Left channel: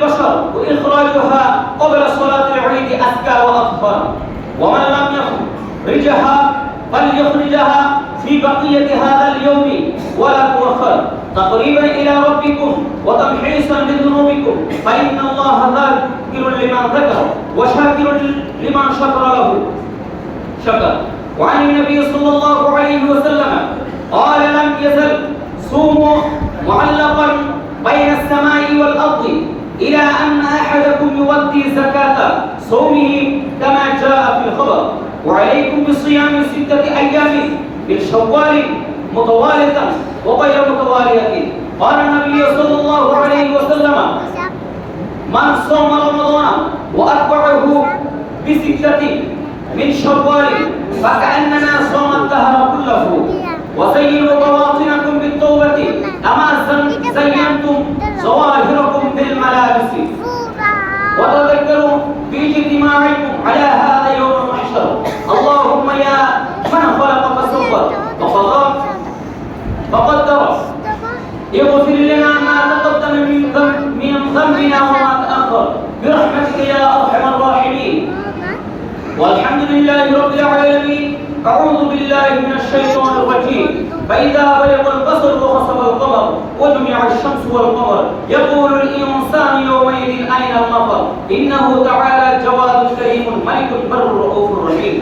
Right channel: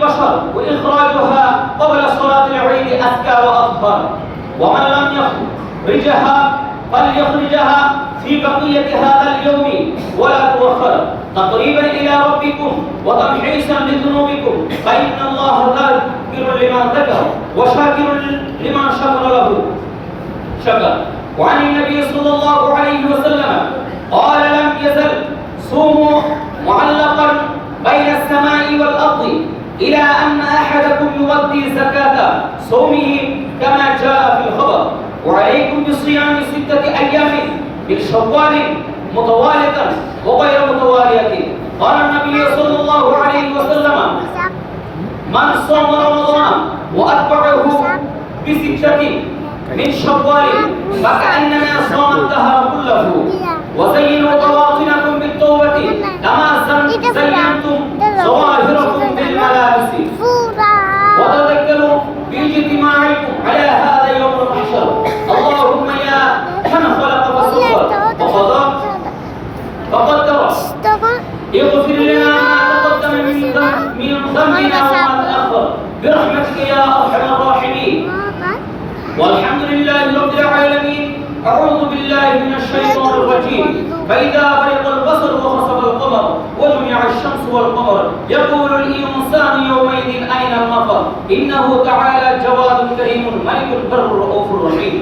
البشر وإخراجها قبل صلاة العيد أزكى وأطهر ومن لم يخرجها فليخرجها في بقية هذا اليوم ولا تؤخر تقريبا إلى ربكم وتمحيصا لذنوبكم فإن الله ذاكر لمن ذكر وشاكر لمن شكر له شكر. وعن النبي صلى الله عليه وسلم قال لم يزل صوموا معلقا بين السماء والأرض إلى أن أحدكم يؤدي زكاة صومه كما جاء في الخبر وعليكم بصيام 6 أيام من شوال متوالية وغير متوالية. قال النبي صلى الله عليه وسلم من صام رمضان وأتبعه ب6 من شوال فكأنما صام الدهر كله. وزينوا بواطنكم بالتوبة كما زينتم ظواهركم بالملابس وتذكروا باجتماعكم على هذا يوم المحشر. اللهم يا من خلق فصور وقضى فقدر اغفر لنا ما تقدم من ذنبنا وما تأخر برحمتك يا أرحم الراحمين. والحمد لله رب العالمين. أعوذ بالله من الشيطان الرجيم. فإذا برق البصر وخسف القمر وجمع الشمس والقمر يقول الإنسان يومئذ أين المفر إنه تعالى الجواد الكريم الملك البر الرؤوف الرحيم.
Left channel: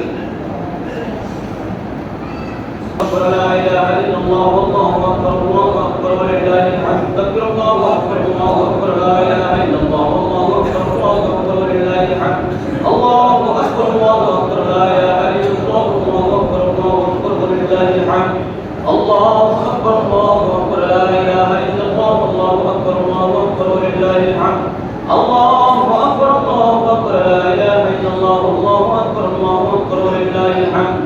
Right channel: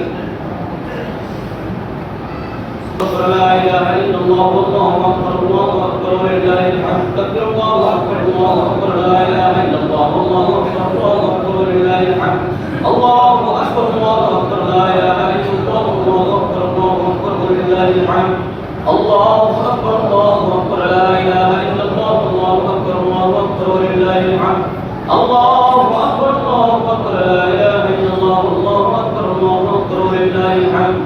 لا إله إلا الله والله أكبر الله أكبر ولله الحمد. كبر الله أكبر الله أكبر لا إله إلا الله والله أكبر الله أكبر ولله الحمد. الله أكبر الله أكبر لا إله إلا الله والله أكبر الله أكبر ولله الحمد. الله أكبر الله أكبر لا إله إلا الله والله أكبر الله أكبر ولله الحمد. الله أكبر الله أكبر لا إله إلا الله والله أكبر الله أكبر ولله الحمد.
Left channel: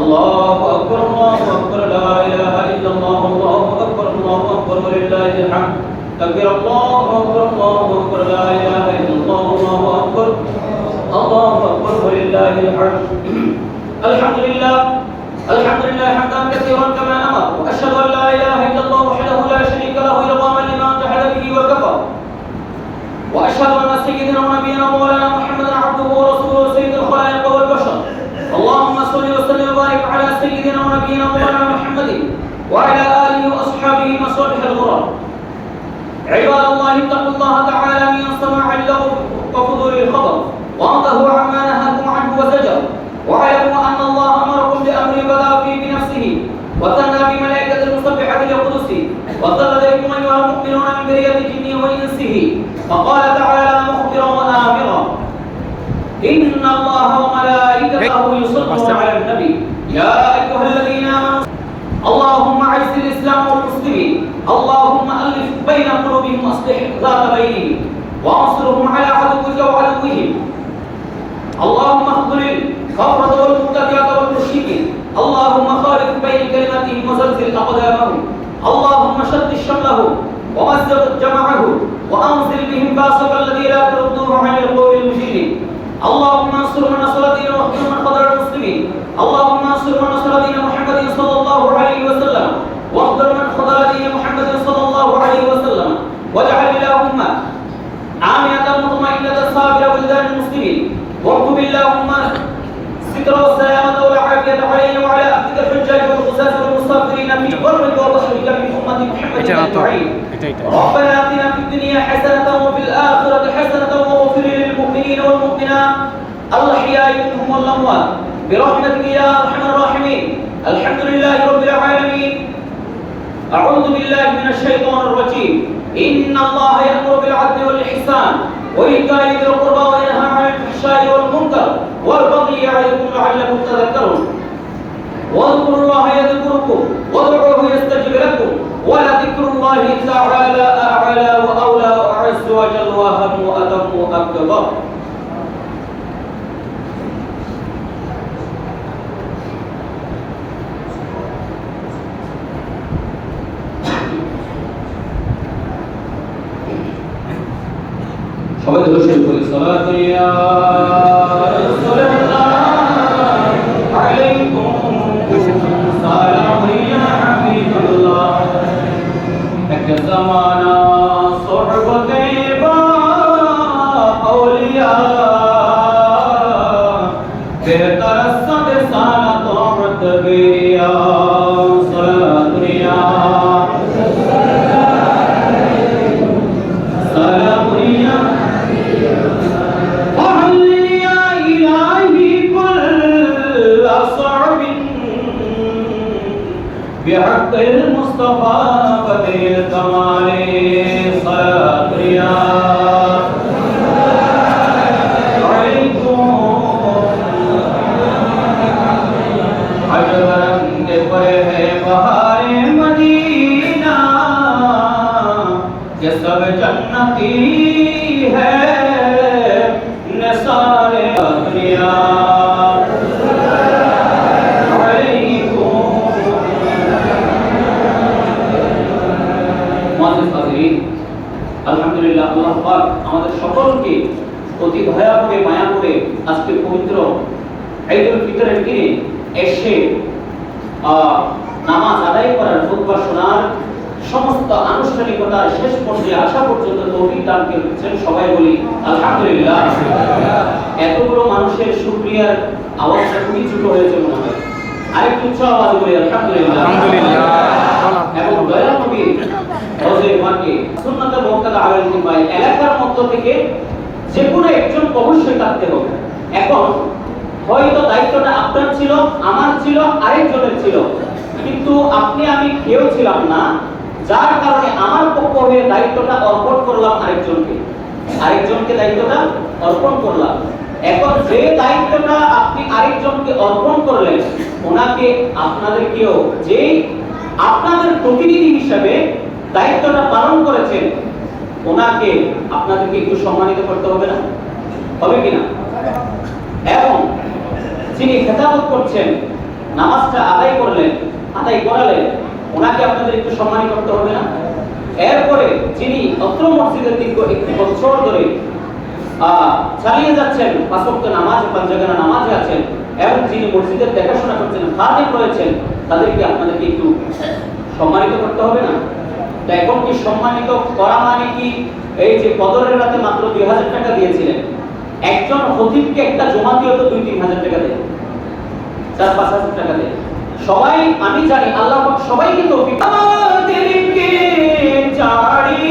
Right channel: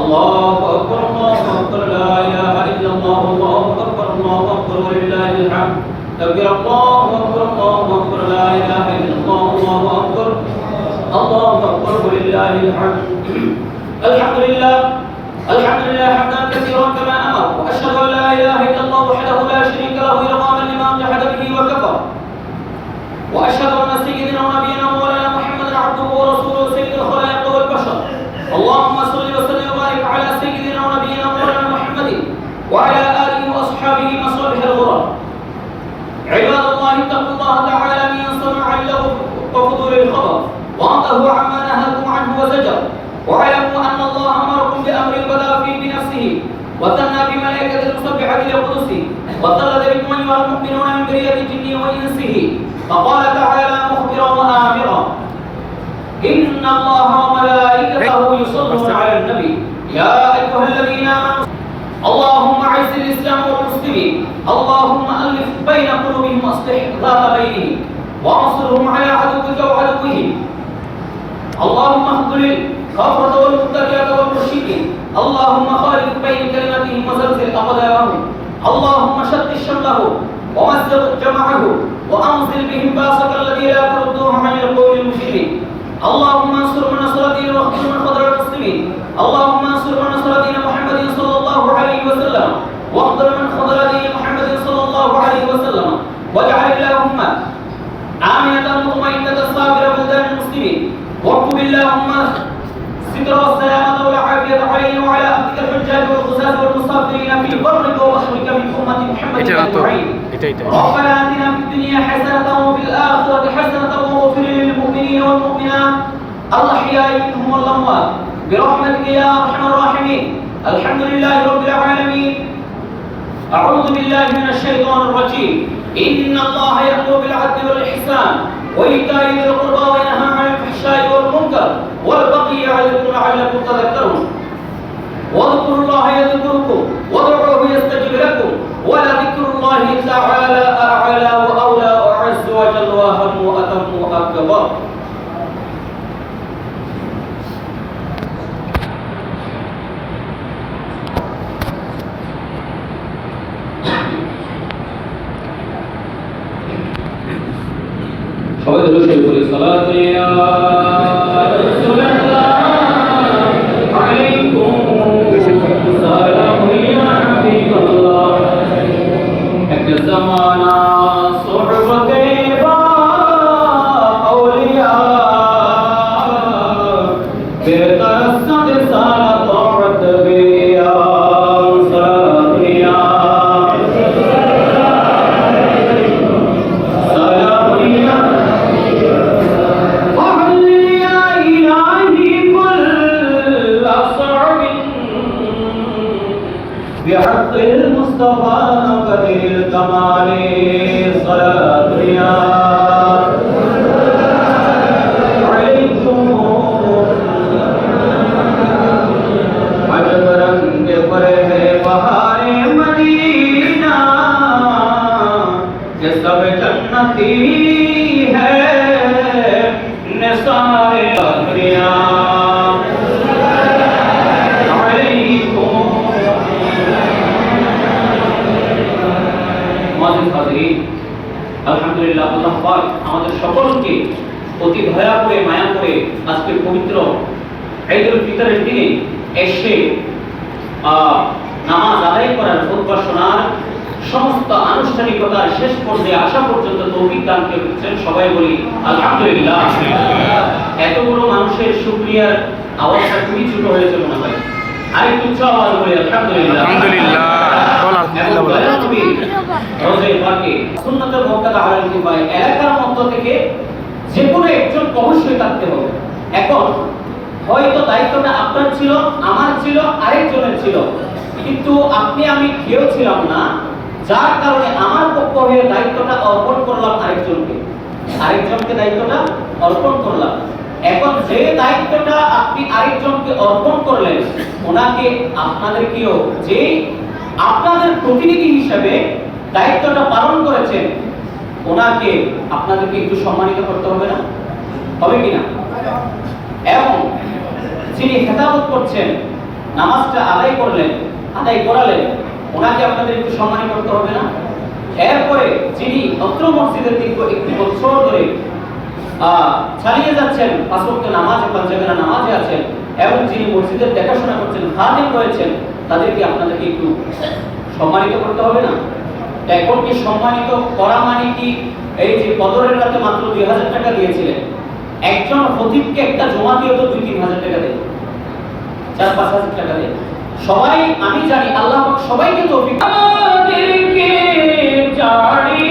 الله أكبر الله أكبر لا إله إلا الله والله أكبر الله أكبر ولله الحمد. كبر الله أكبر الله أكبر لا إله إلا الله والله أكبر الله أكبر ولله الحمد. الحمد لله الحمد لله حمدا كثيرا كما أمر. وأشهد أن لا إله إلا الله وحده لا شريك له إرغاما لمن جحد به وكفر. وأشهد أن سيدنا ونبينا ومولانا محمدا عبده ورسوله سيد الخلائق والبشر. اللهم صل وسلم وبارك على سيدنا ونبينا ومولانا محمد وعلى آله وأصحابه مصالح الغرر. عباد الله اتقوا الله تعالى من سماع اللغو وفضول الخبر وانتهوا عما نهاكم عنه وزجر. واعلموا أن الله أمركم بأمر بدأ فيه بنفسه وثنى بملائكة المسبحة لقدسه وثلث بكم أيها المؤمنون من ذرية الجن وإنسه. فقال تعالى مخبرا وآمرا إن الله وملائكته يصلون على النبي يا أيها الذين آمنوا اللهم أعز الإسلام والمسلمين اللهم ألف بين قلوبهم وأصلح ذات بينهم وانصرهم على عدوك وعدوهم. اللهم اخذل الكفرة والمبتدعة والمشركين. اللهم خالف بين كلمتهم وزلزل أقدامهم. اللهم شتت شملهم ومزق جمعه وأنزل بهم باسك الذي لا تردوه عن القوم المشركين. اللهم انصر من نصر دين واخذل من خذل المسلمين. اللهم انصر من نصر دين محمد صلى الله عليه وسلم واخذل من خذل دين محمد صلى الله عليه وسلم. واجعل اللهم آمنة مطمئنة صابرة بلدان المسلمين. واكتب اللهم ستر والسلامة والعافية علينا وعلى عبدك الحجاج والغزاة والمسافرين في برك وبحرك من أمة محمد أجمعين. ربنا آتنا في الدنيا حسنة وفي الآخرة حسنة واغفر للمؤمنين والمؤمنات الأحياء منهم والأموات برحمتك يا أرحم الراحمين. الحمد لله رب العالمين. أعوذ بالله من الشيطان الرجيم. إن الله يأمر بالعدل والإحسان وإيتاء ذي القربى وينهى عن الفحشاء والمنكر والبغي يعظكم لعلكم تذكرون. واذكروا الله يذكركم وادعوه يستجب لكم ولذكر الله تعالى أعلى وأولى وأعز وجل وأهم وأتم وأكبر. সবাই ধরে শুরু করি সালাত ইয়া রাসূলুল্লাহ আলাইকুম সালাম ইয়া হাবিবাল্লাহ এক জামানা সুহবতে سلام يا وهل يا إلهي كل صعب بحق المصطفى بدر الكمال صلاة يا عليكم عجب رنگ پر ہے بہار مدینہ یہ سب جنتی ہے نثار دنیا আলহামদুলিল্লাহ আল্লাহ পাক আমাদের সকলকে অতি দয়া করে মায়া করে আজকে পবিত্র ঈদুল ফিতরের দিনে এসে নামাজ আদায় করার খুতবা শোনার সমস্ত আনুষ্ঠানিকতার শেষ পর্যায়ে আসা পর্যন্ত তৌফিক দান করেছেন। সবাই বলি আলহামদুলিল্লাহ। এত বড় মানুষের শুকরিয়ার আওয়াজটা খুবই ছোট হয়েছে মনে হয়, আরেকটু উচ্চ আওয়াজ বলি আলহামদুলিল্লাহ। আলহামদুলিল্লাহ। এলাকার মধ্য থেকে যে কোনো একজন অবশ্যই থাকতে হবে। এখন হয়তো দায়িত্বটা আপনার ছিল, আমার ছিল, আরেকজনের ছিল, কিন্তু আপনি আমি কেউ ছিলাম না, যার কারণে আমার পক্ষ হয়ে দায়িত্বটা অর্পণ করলাম আরেকজনকে দায়িত্বটা অর্পণ করলাম। এখন যে দায়িত্বটা আপনি আরেকজনকে অর্পণ করলেন, ওনাকে আপনাদেরকেও যে আপনাদের প্রতিনিধি হিসেবে দায়িত্বটা পালন করেছেন, ওনাকে আপনাদেরকে একটু সম্মানিত করতে হবে না? হবে কিনা? এবং যিনি খেতাবত করছেন, নামাজটা আদায় করালেন, ওনাকে আপনাদের একটু সম্মানিত করতে হবে না? এরপরে যিনি অত্র মসজিদের দীর্ঘ 1 বছর ধরে চালিয়ে যাচ্ছেন, 5 ওয়াক্ত নামাজ ও পাঁচজাগানা নামাজে আছেন, এবং যিনি মসজিদের দেখাশোনা করছেন, খাদেম রয়েছেন, তাদেরকে আপনাদেরকে একটু সম্মানিত করতে হবে না? এখন কি সম্মানিত করা মানে কি এই যে কদরের রাতে মাত্র 2000 টাকা দিয়েছিলেন, একজন খতিবকে একটা জমা দিয়ে তো 2-3 হাজার টাকা দেয়, 4-5 হাজার টাকা দেয়। সবাই আমি জানি আল্লাহ পাক সবাইকে তৌফিক আমাদেরকে জানি